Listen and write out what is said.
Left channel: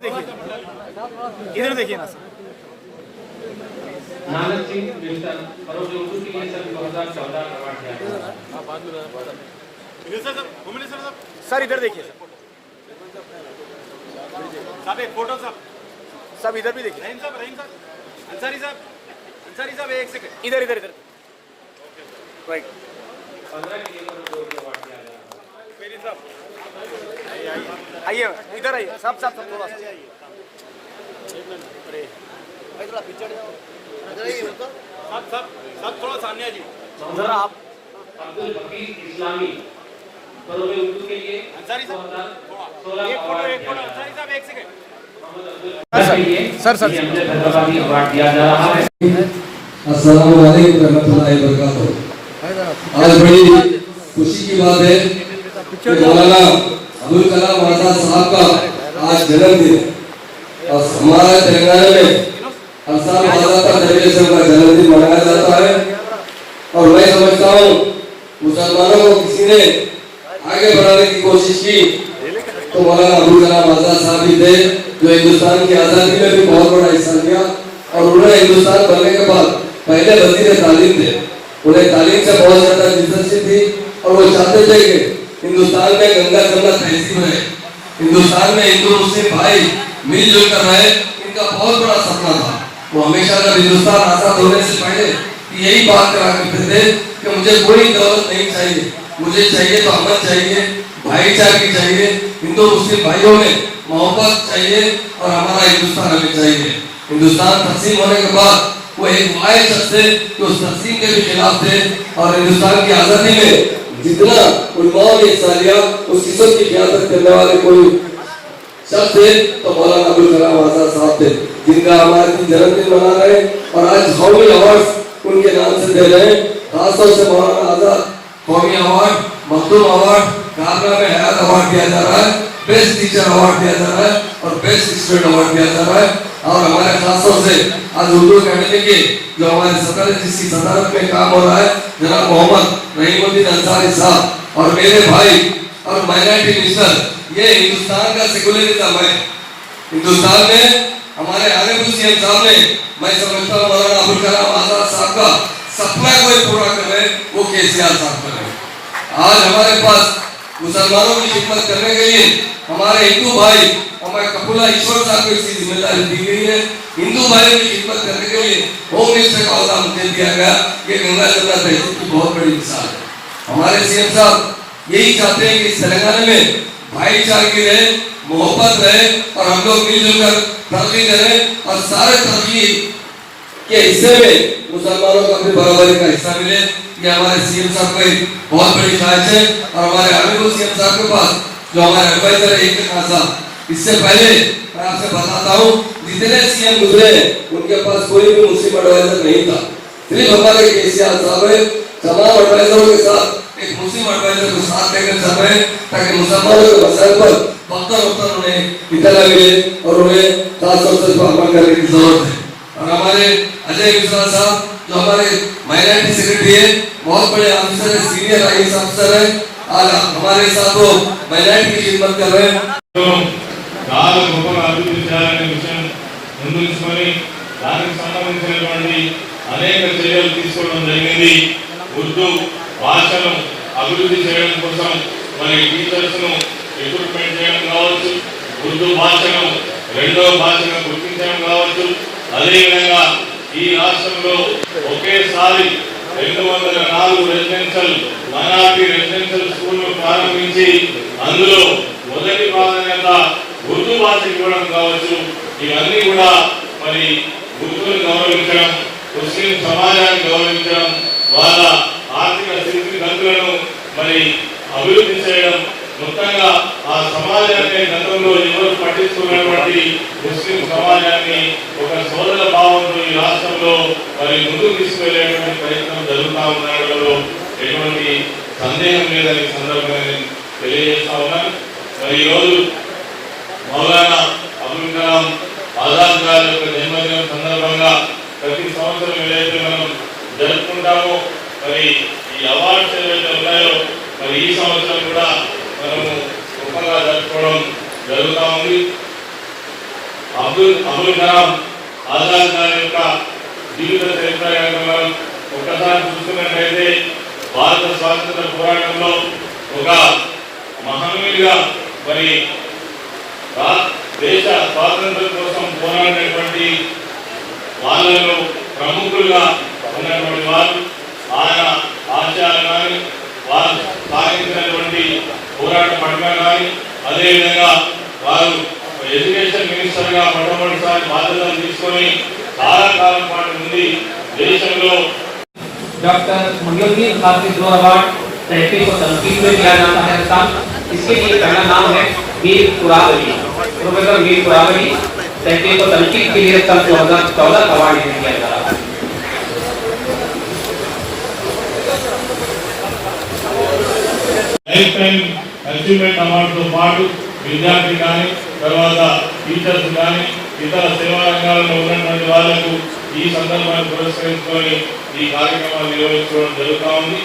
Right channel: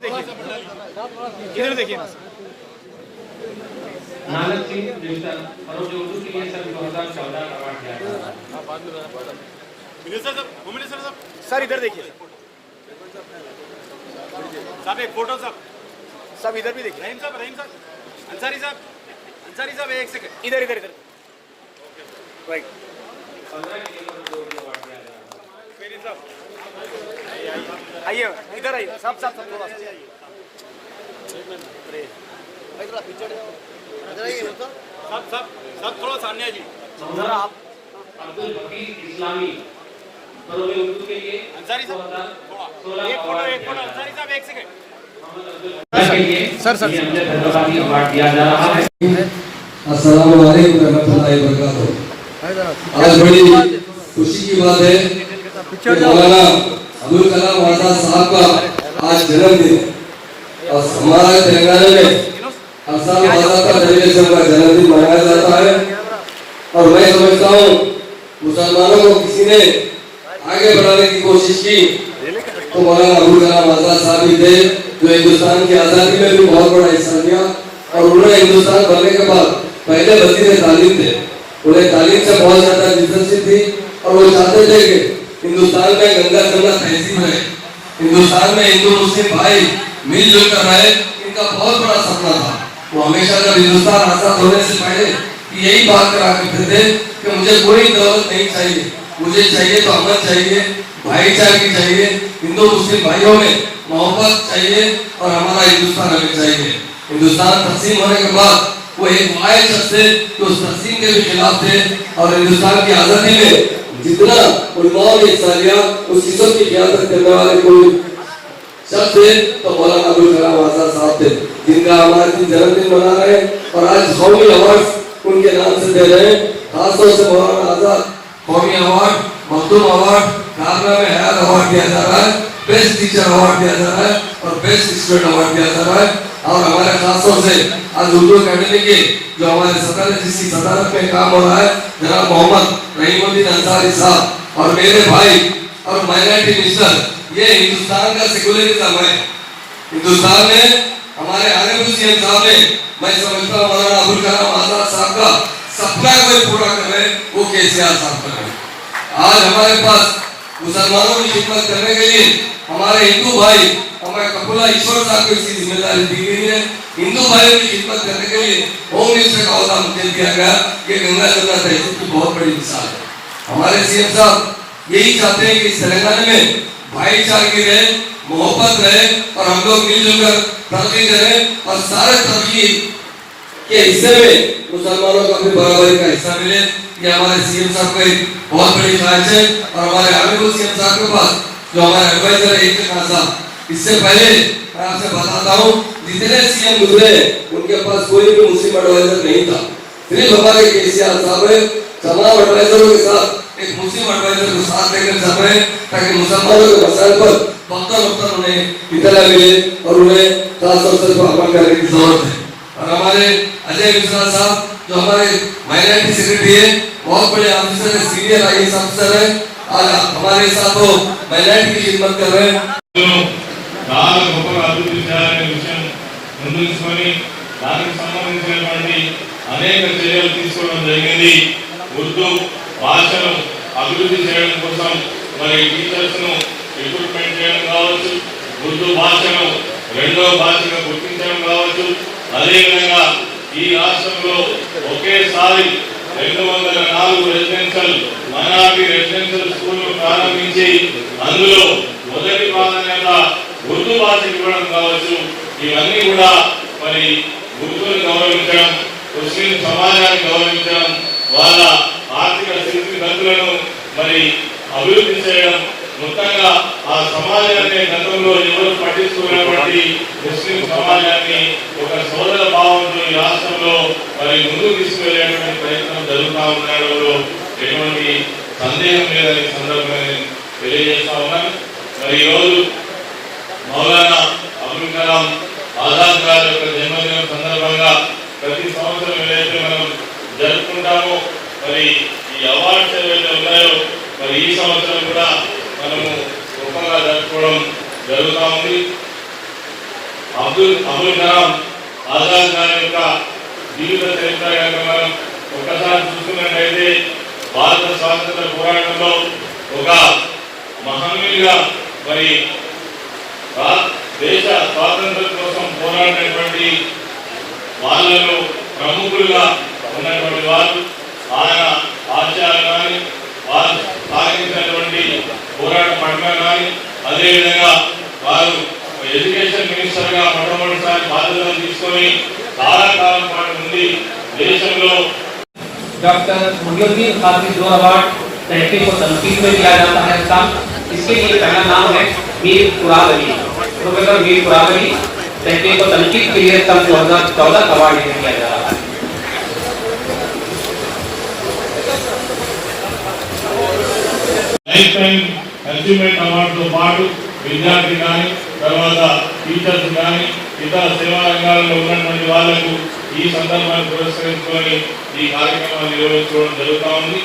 देखिए इधर देखिए ना सर। नानक सिंह न्यूटन और जो उर्दू के लिए सभी बहुत शानदार अवार्ड दिया सर इधर देखिए साहब एक फोटो साहब सब इधर भी देखिए। रहीम साहब अंसारी साहब एक सेकंड इधर इधर इधर राइट। 15 के लिए जो अवार्ड दिया गया आइए इधर आइए सब सब सब थोड़ा सा। अरे भाई थोड़ा पीछे जाओ सब थोड़ा सामने आ जी जरा आप। अब्दुल हकीम इस्लामी और जो उर्दू के लिए अंसारी साहब 2016 एक फोटो अवार्ड अंसारी साहब एक सेकंड सर सर अवार्ड दिया जा रहा है। अस्सलाम वालेकुम रहमतुल्लाहि व बरकातहू। आज बड़ी खुशी की बात है कि मौलाना अबुल कलाम आजाद साहब का आज जन्मदिन है और हमारा तेलंगाना में हर साल 12 जनवरी से उनका जन्मदिन मनाया जाता है। और मैं समझता हूँ मुसलमानों को किसी ने आगे बढ़ाने की कोशिश की तो मौलाना अबुल कलाम आजाद साहब ही थे, जो हिंदुस्तान की आजादी में भी बहुत बड़ा हिस्सा लिया। और उन्होंने हिंदुस्तान बनने के बाद पहले वजीर तालीम थे, उन्हें तालीम से बहुत ज्यादा दिलचस्पी थी और वो चाहते थे कि हिंदुस्तान में गंगा जमुना तहसील है, हिंदुस्तान में हिंदू मुस्लिम भाई मिलजुल कर रहे, इनका बहुत बड़ा सपना था। वो हमेशा जब हिंदुस्तान आजाद होने से पहले यही बात करा करते थे कि मुझे कोई दौलत नहीं चाहिए, मुझे चाहिए तो अमन चाहिए, भाईचारे चाहिए, हिंदू मुस्लिम भाइयों में मोहब्बत चाहिए और हमारा हिंदुस्तान हमें चाहिए। हिंदुस्तान तकसीम होने के बाद वो एक वाहिद शख्स थे जो उस तकसीम के भी खिलाफ थे और हिंदुस्तान की आजादी में जितना उलमाओं ने हिस्सा लिया उस किस्म की क़यादत करने वाले कोई शख्स थे तो मौलाना अबुल कलाम आजाद साहब थे, जिनका हमारे जन्मदिन मना रहे हैं और आज कौमी अवार्ड उनके नाम से दे रहे हैं। खासतौर से मौलाना आजाद कौमी अवार्ड, मखदूम अवार्ड, कारनामे हयात अवार्ड दिया जा रहा है, बेस्ट टीचर अवार्ड दिया जा रहा है और बेस्ट स्टूडेंट अवार्ड दिया जा रहा है। और हमारे खासतौर से आज उर्दू अकेडमी के जो हमारे सदर जिसकी सदारत में काम हो रहा है जनाब मोहम्मद रहीमुद्दीन अंसारी साहब और मेरे भाई और माइनॉरिटी मिनिस्टर, ये हिंदुस्तान का सेकुलरिज्म है। हिंदुस्तान में हमारे आगे सीएम साहब ने मैं समझता हूँ मौलाना अबुल कलाम आजाद साहब का सपना कोई पूरा कर रहे वो केसीआर साहब कर रहे। आज हमारे पास मुसलमानों की खिदमत करने के लिए हमारे हिंदू भाई हमारे कपूला ईश्वर साहब को इसकी जिम्मेदारी दी गई है। हिंदू भाइयों की खिदमत करने के लिए होम मिनिस्टर का अहदा मुझे दिया गया। ये गंगा जमुना तहसील की बहुत बड़ी मिसाल है। हमारे सीएम साहब यही चाहते हैं कि इस तेलंगाना में भाईचारे रहे, मोहब्बत रहे और हम लोग मिलजुल कर तरक्की करें और सारे तरक्की के हिस्से में मुसलमानों को अपने बराबरी का हिस्सा मिले। ये हमारे सीएम साहब की बहुत बड़ी ख्वाहिश है। और हमारे आगे सीएम साहब के पास जो हमारे एडवाइजर है एक खासा, इससे पहले मैं आपसे बताता हूँ जितने सीएम गुजरे उनके पास कोई भी मुस्लिम एडवाइजर नहीं था, सिर्फ हमारे केसीआर साहब है तमाम एडवाइजरों के साथ एक मुस्लिम एडवाइजर को साथ लेकर चल रहे हैं ताकि मुसलमानों के मसाइल पर वक्त उन्हें इतना मिले और उन्हें खासतौर से अमल करने की जरूरत है। और हमारे अजय मिश्रा साहब जो हमारे माइनॉरिटी सेक्रेटरी है, बहुत बड़े ऑफिसर है, सीनियर आईएएस ऑफिसर है, आज हमारे साथ वो माइनॉरिटी की खिदमत कर रहे हैं। దానికి సంబంధించినటువంటి అనేక చర్యలు తీసుకోవడం జరిగింది. ఉర్దూ భాషను అభివృద్ధి చేయడం కోసం మరి టీచర్స్ ను రిక్రూట్మెంట్ చేయడం కావచ్చు, ఉర్దూ భాషను రెండవ భాషగా గుర్తించడం కావచ్చు. అదేవిధంగా ఈ రాష్ట్రంలో ఒకేసారి 204 రెసిడెన్షియల్ మైనారిటీ రెసిడెన్షియల్ స్కూళ్లను ప్రారంభించి అందులో మొదటి ప్రాధాన్యత ఉర్దూ భాష ఇవ్వడం కావచ్చు. ఇవన్నీ కూడా మరి ఉర్దూని గౌరవించడం, ముస్లిం సమాజాన్ని గౌరవించడం, వాళ్ళ ఆర్థిక స్థితిగతులను మరి అభివృద్ధి చేయడం, మొత్తంగా ఆ సమాజాన్ని గతంలో ఎవరు పట్టించుకునేటువంటి ముస్లిం సమాజాన్ని ఒక సోదర భావంతో ఈ రాష్ట్రంలో మరి ముందుకు తీసుకెళ్లేటువంటి ప్రయత్నం జరుగుతూ ఉండడంలో ఎటువంటి సందేహం లేదని సందర్భంగా తెలియజేస్తా ఉన్నాను. మరి ఈరోజు మౌలానా అబుల్ కలాం ఆజాద్ గారి యొక్క జన్మదినం సందర్భంగా ప్రతి సంవత్సరం ఏదైతే మనం జరుపుకుంటామో మరి ఈ అవార్డ్స్ ఏవైతే ఉన్నాయో మరి ఈ సంవత్సరం కూడా మనము గొప్పగా జరుపుకోవడం జరుగుతూ ఉంది. అబుల్ కలాం ఆజాద్ గారి యొక్క జీవిత చరిత్ర మనం ఒక్కసారి చూసుకున్నట్లయితే భారత స్వాతంత్ర పోరాటంలో ఒక మహనీయుగా మరి దేశ స్వాతంత్రం కోసం పోరాడినటువంటి వాళ్ళలో ప్రముఖులుగా ఉన్నటువంటి వారు ఆయన ఆశయాలు కానీ వారు సాధించినటువంటి పోరాట పట్ల కానీ అదేవిధంగా వారు ఎడ్యుకేషన్ మినిస్టర్ గా మొట్టమొదటిసారి బాధ్యతలు తీసుకొని చాలా కాలం పాటు నుండి దేశంలో डॉक्टर मुनियुद्दीन हाफिज दो अवार्ड तहरीक को तनकीद में दिया जाता है स्थान। इसके लिए पहला नाम है वीर कुरावली, प्रोफेसर वीर कुरावली तहरीक को तनकीद के लिए सन 2014 अवार्ड दिया गया। లైఫ్ టైం అచీవ్మెంట్ అవార్డుతో పాటు విద్యార్థి కానీ తర్వాత టీచర్స్ కానీ ఇతర సేవా రంగాలలో ఉన్నటువంటి వాళ్లకు ఈ సందర్భాన్ని పురస్కరించుకొని ఈ కార్యక్రమాలు నిర్వహించుకోవడం జరుగుతూ ఉంది.